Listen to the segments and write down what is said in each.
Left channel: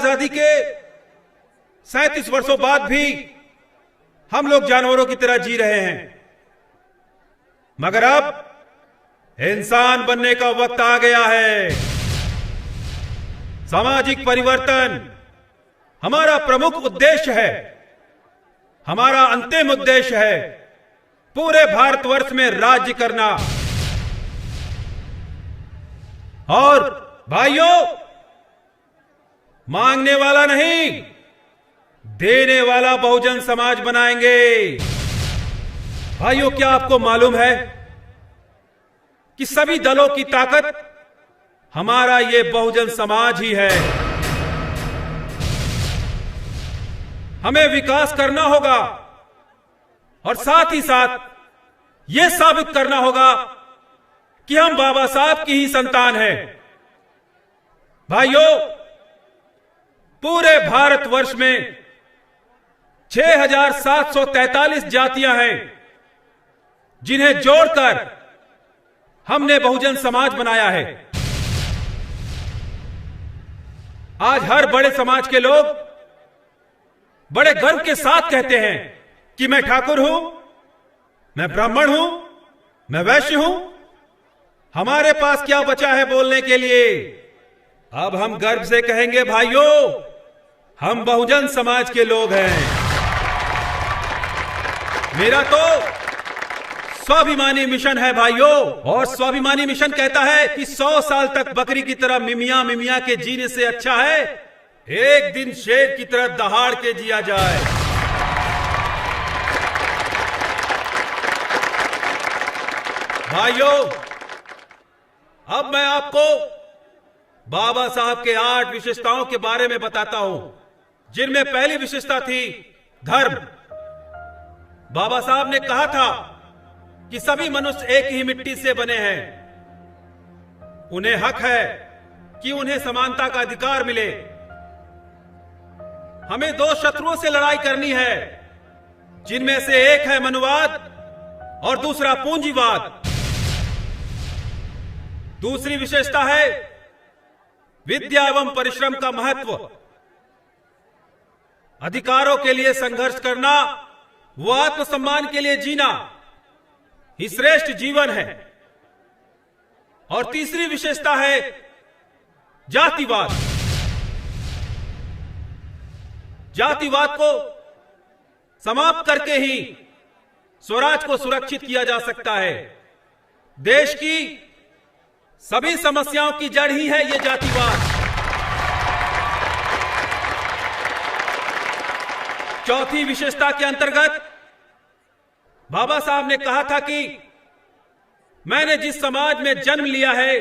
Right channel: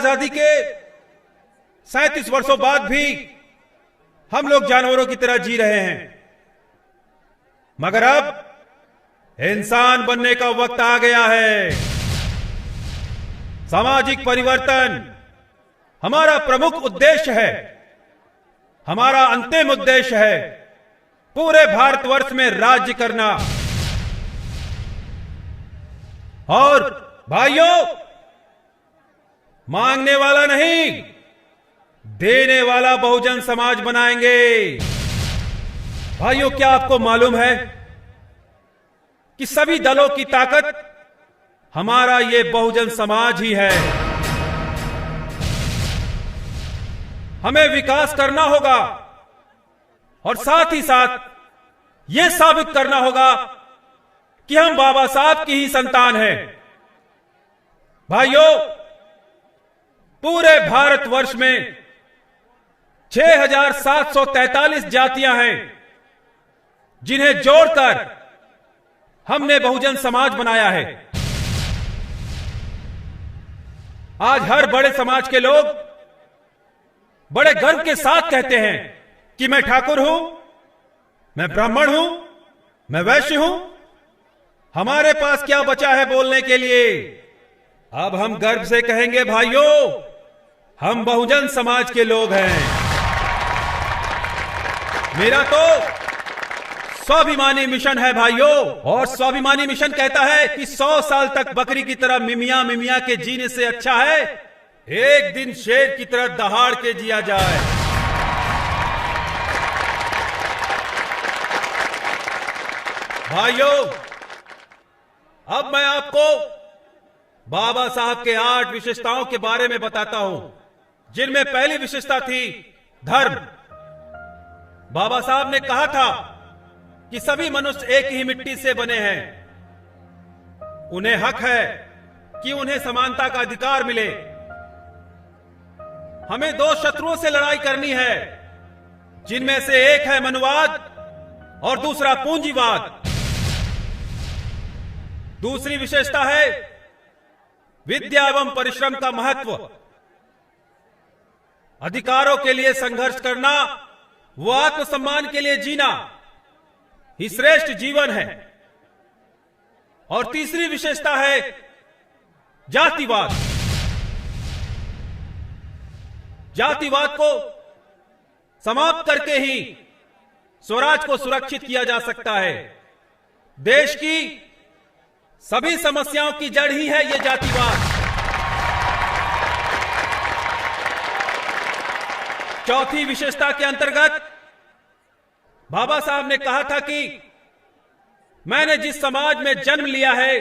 आजादी के 37 वर्षों बाद भी हम लोग जानवरों की तरह जी रहे हैं, मगर अब इंसान बनने का वक्त आ गया है। सामाजिक परिवर्तन हमारा प्रमुख उद्देश्य है, हमारा अंतिम उद्देश्य है पूरे भारतवर्ष में राज्य करना। और भाइयों, मांगने वाला नहीं, देने वाला बहुजन समाज बनाएंगे। भाइयों, क्या आपको मालूम है कि सभी दलों की ताकत हमारा ये बहुजन समाज ही है। हमें विकास करना होगा और साथ ही साथ यह साबित करना होगा कि हम बाबा साहब की ही संतान हैं। भाइयों, पूरे भारतवर्ष में 6,743 जातियां हैं, जिन्हें जोड़कर हमने बहुजन समाज बनाया है। आज हर बड़े समाज के लोग बड़े गर्व के साथ कहते हैं कि मैं ठाकुर हूं, मैं ब्राह्मण हूं, मैं वैश्य हूं। हमारे पास क्या बचा है बोलने के लिए? अब हम गर्व से कहेंगे, भाइयों, हम बहुजन समाज के लोग हैं। मेरा तो स्वाभिमानी मिशन है भाइयों, और स्वाभिमानी मिशन कहता है कि 100 साल तक बकरी की तरह मिमिया मिमिया के जीने से अच्छा है एक दिन शेर की तरह दहाड़ के जिया जाए। भाइयों, अब मैं आपको बाबा साहब के 8 विशेषताओं के बारे में बताता हूं, जिनमें पहली विशेषता थी धर्म। बाबा साहब ने कहा था कि सभी मनुष्य एक ही मिट्टी से बने हैं, उन्हें हक है कि उन्हें समानता का अधिकार मिले। हमें 2 शत्रुओं से लड़ाई करनी है, जिनमें से एक है मनुवाद और दूसरा पूंजीवाद। दूसरी विशेषता है विद्या एवं परिश्रम का महत्व। अधिकारों के लिए संघर्ष करना, वो आत्मसम्मान के लिए जीना ही श्रेष्ठ जीवन है। और तीसरी विशेषता है जातिवाद। जातिवाद को समाप्त करके ही स्वराज को सुरक्षित किया जा सकता है। देश की सभी समस्याओं की जड़ ही है ये जातिवाद। चौथी विशेषता के अंतर्गत बाबा साहब ने कहा था कि मैंने जिस समाज में जन्म लिया है,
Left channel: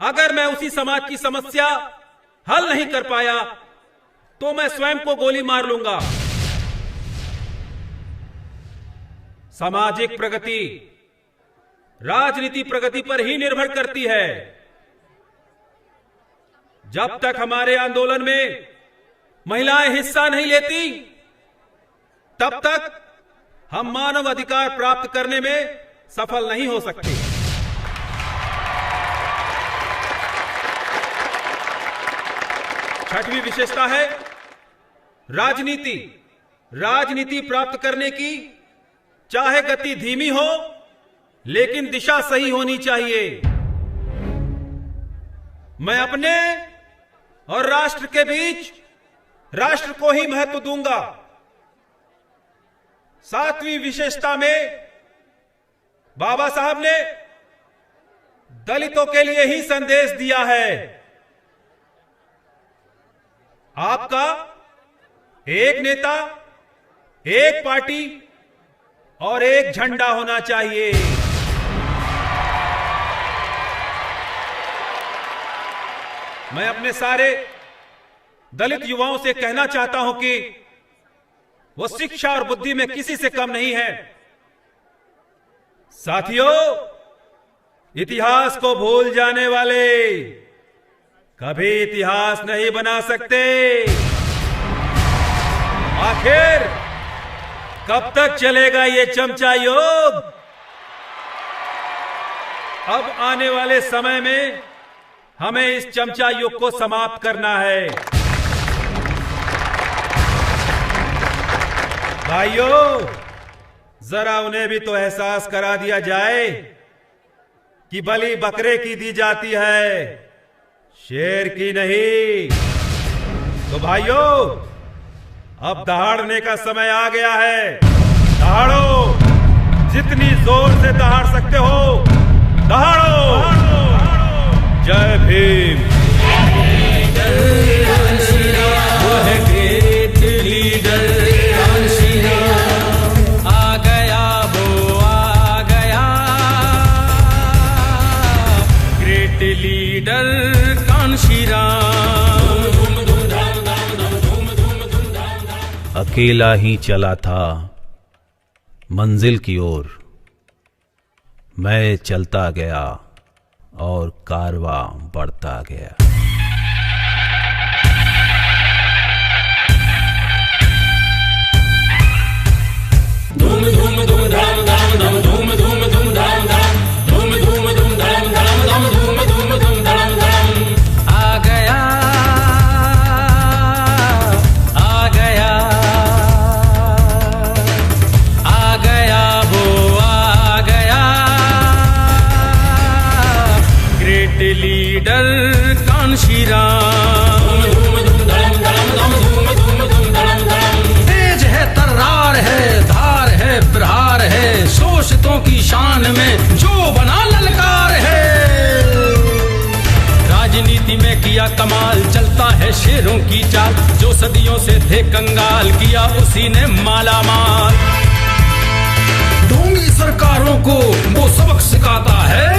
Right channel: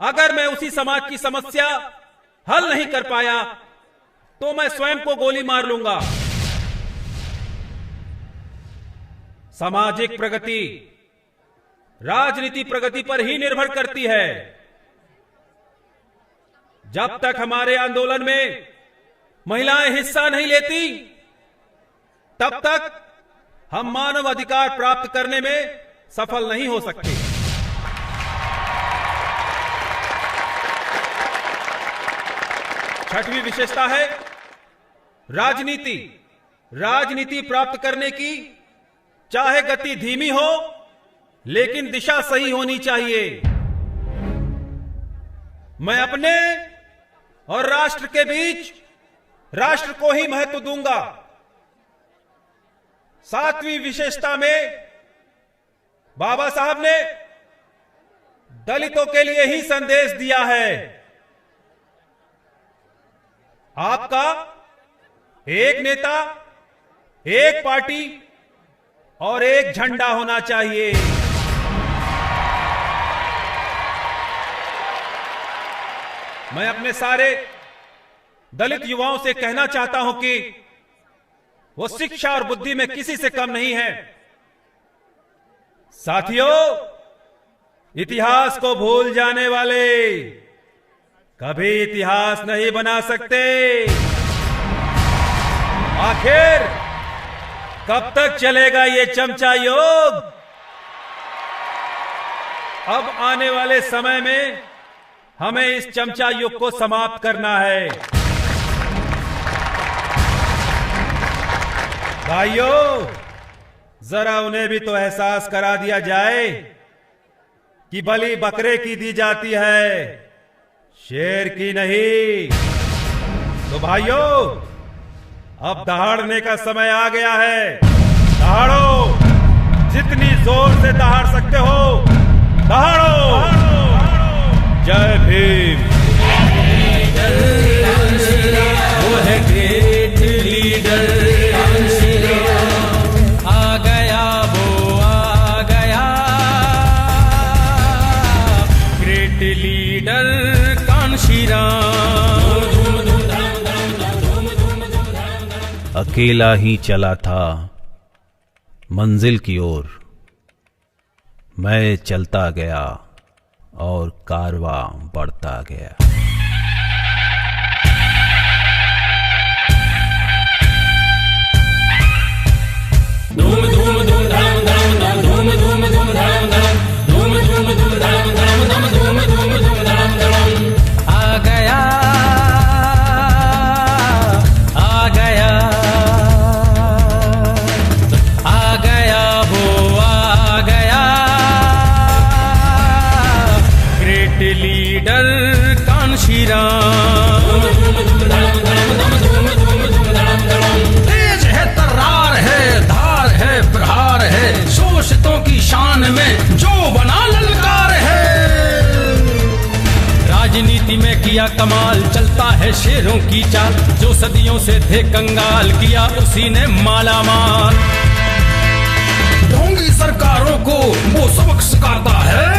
अगर मैं उसी समाज की समस्या हल नहीं कर पाया तो मैं स्वयं को गोली मार लूंगा। सामाजिक प्रगति राजनीति प्रगति पर ही निर्भर करती है। जब तक हमारे आंदोलन में महिलाएं हिस्सा नहीं लेती, तब तक हम मानव अधिकार प्राप्त करने में सफल नहीं हो सकते। छठवीं विशेषता है राजनीति। राजनीति प्राप्त करने की चाहे गति धीमी हो, लेकिन दिशा सही होनी चाहिए। मैं अपने और राष्ट्र के बीच राष्ट्र को ही महत्व दूंगा। 7वीं विशेषता में बाबा साहब ने दलितों के लिए ही संदेश दिया है। आपका एक नेता, एक पार्टी और एक झंडा होना चाहिए। मैं अपने सारे दलित युवाओं से कहना चाहता हूं कि वो शिक्षा और बुद्धि में किसी से कम नहीं है। साथियों, इतिहास को भूल जाने वाले कभी इतिहास नहीं बना सकते। आखिर कब तक चलेगा ये चमचा योग? अब आने वाले समय में हमें इस चमचा युग को समाप्त करना है। भाइयों, जरा उन्हें भी तो एहसास करा दिया जाए कि बलि बकरे की दी जाती है, शेर की नहीं। तो भाइयों, अब दहाड़ने का समय आ गया है। दहाड़ो, जितनी जोर से दहाड़ सकते हो, दहाड़ो। जय भीम। आ गया वो आ गया, ग्रेट लीडर कान्शी राम। अकेला ही चला था मंजिल की ओर, मैं चलता गया और कारवां बढ़ता गया। कमाल चलता है शेरों की चाल, जो सदियों से थे कंगाल किया उसी ने मालामाल। ढोंगी सरकारों को वो सबक सिखाता है,